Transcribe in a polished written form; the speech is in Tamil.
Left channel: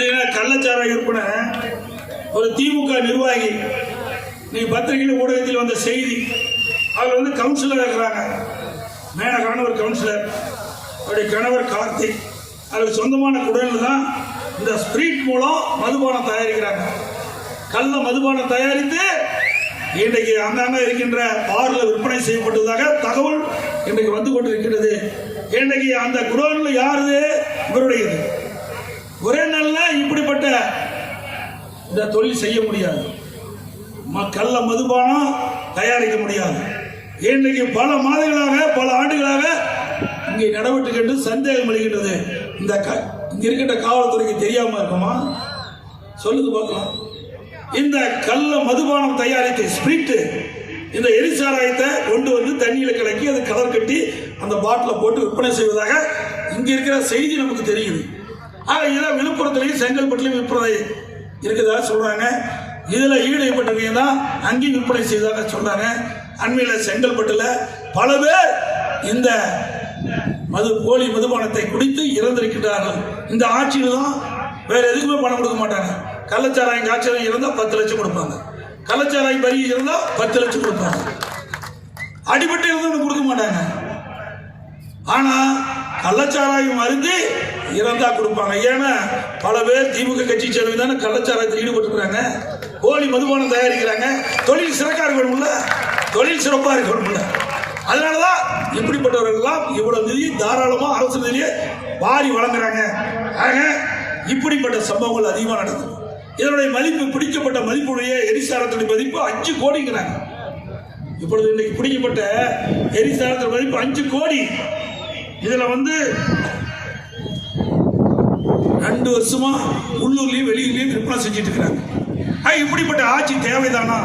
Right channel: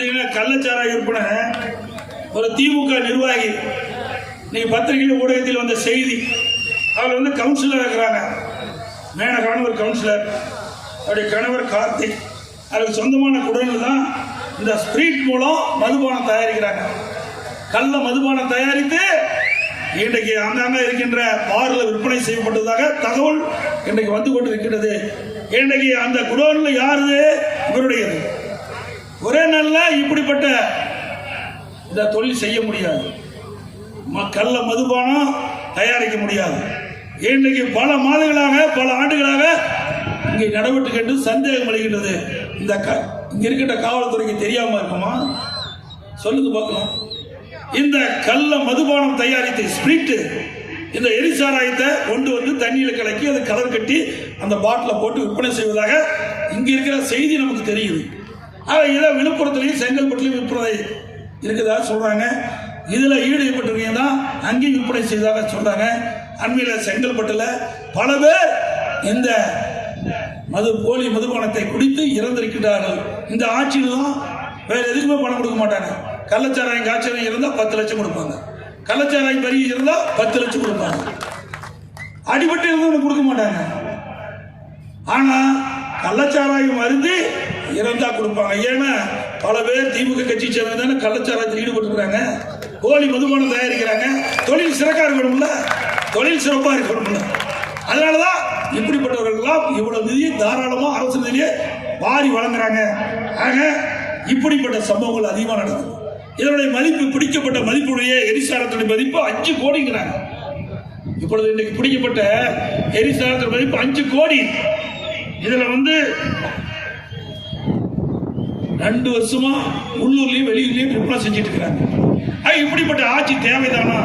பார்த்தீங்கன்னா கள்ளச்சாராய விற்பனை ஒரு திமுக நிர்வாகி இன்னைக்கு பத்திரிகையில் ஊடகத்தில் வந்த செய்தி. அவர் வந்து கவுன்சிலர் இருக்கிறாங்க. மேனகான ஒரு கவுன்சிலர், அவருடைய கணவர் கார்த்திக். அதுக்கு சொந்தமான குடோனில் தான் இந்த ஸ்பிரிட் மூலம் மதுபானம் தயாரிக்கிறாங்க. கள்ள மதுபானம் தயாரித்து இன்றைக்கு அங்கங்க இருக்கின்ற பார்ல விற்பனை செய்யப்பட்டதாக தகவல் இன்றைக்கு வந்து கொண்டிருக்கிறது. இன்றைக்கு அந்த குடோனில் யாரு? இவருடையது. ஒரே நாள்ல இப்படிப்பட்ட இந்த தொழில் செய்ய முடியாது. கள்ள மதுபானம் தயாரிக்க முடியாது. இன்றைக்கு பல மாதங்களாக பல ஆண்டுகளாக இங்கே நடவடிக்கை என்று சந்தேகம் அளிக்கின்றது. இந்த இங்க இருக்கின்ற காவல்துறைக்கு தெரியாம இருக்குமா? சொல்லுங்க பார்க்கலாம். இந்த கள்ள மதுபானம் தயாரித்த ஸ்பிரிட், இந்த எரிசாராயத்தை கொண்டு வந்து தண்ணியில் கலக்கி அதை கலர் கட்டி அந்த பாட்டில் போட்டு விற்பனை செய்வதாக இங்க இருக்கிற செய்தி நமக்கு தெரியுது. இதில் விழுப்புரத்திலையும் செங்கல்பட்டுலையும் விற்பனை இருக்குதா சொல்றாங்க. இதுல ஈடுபட்டிருக்கீங்கன்னா அங்கேயும் விற்பனை செய்ததாக சொல்றாங்க. அண்மையில் செங்கல்பட்டுல பல பேர் இந்த போலி மதுபானத்தை குடித்து இறந்திருக்கிறார்கள். இந்த ஆட்சியில் தான் வேற எதுக்குமே பணம் கொடுக்க மாட்டாங்க. கள்ளச்சாராயம் காய்ச்சல் இருந்தால் 10 லட்சம் கொடுப்பாங்க. கள்ளச்சாராயம் பறி இருந்தால் 10 லட்சம் கொடுப்பாங்க. அடிபட்டு இருந்தால் கொடுக்க மாட்டாங்க. ஆனா கள்ளச்சாராயம் அருந்து இறந்தா கொடுப்பாங்க. ஏன்னா பல பேர் திமுக கட்சி சேர்ந்ததான கள்ளச்சாராயத்தில் ஈடுபட்டுக்கிறாங்க. போலி மதுபானம் தயாரிக்கிறாங்க. தொழில் சிறக்கா இருக்கணும்ல, தொழில் சிறப்பா இருக்கணும்ல. அதனாலதான் இப்படிப்பட்டவர்கள்லாம் இவ்வளவு நிதி தாராளமா அரசு நிதியை வாரி வழங்குறாங்க. ஆக இப்படிப்பட்ட சம்பவங்கள் அதிகமாக நடக்குது. இதனுடைய மதிப்பு, பிடிக்கப்பட்ட மதிப்புடைய எரிசாரத்துடைய மதிப்பு 5 கோடிங்கிறாங்க. இப்பொழுது இன்னைக்கு பிடிக்கப்பட்ட எரிசாரத்துடைய மதிப்பு 5 கோடி. இதுல வந்து 2 வருஷமா உள்ளூர்லயும் வெளியூர்லயும் விற்பனை செஞ்சிட்டு இருக்கிறாங்க. இப்படிப்பட்ட ஆட்சி தேவைதானா?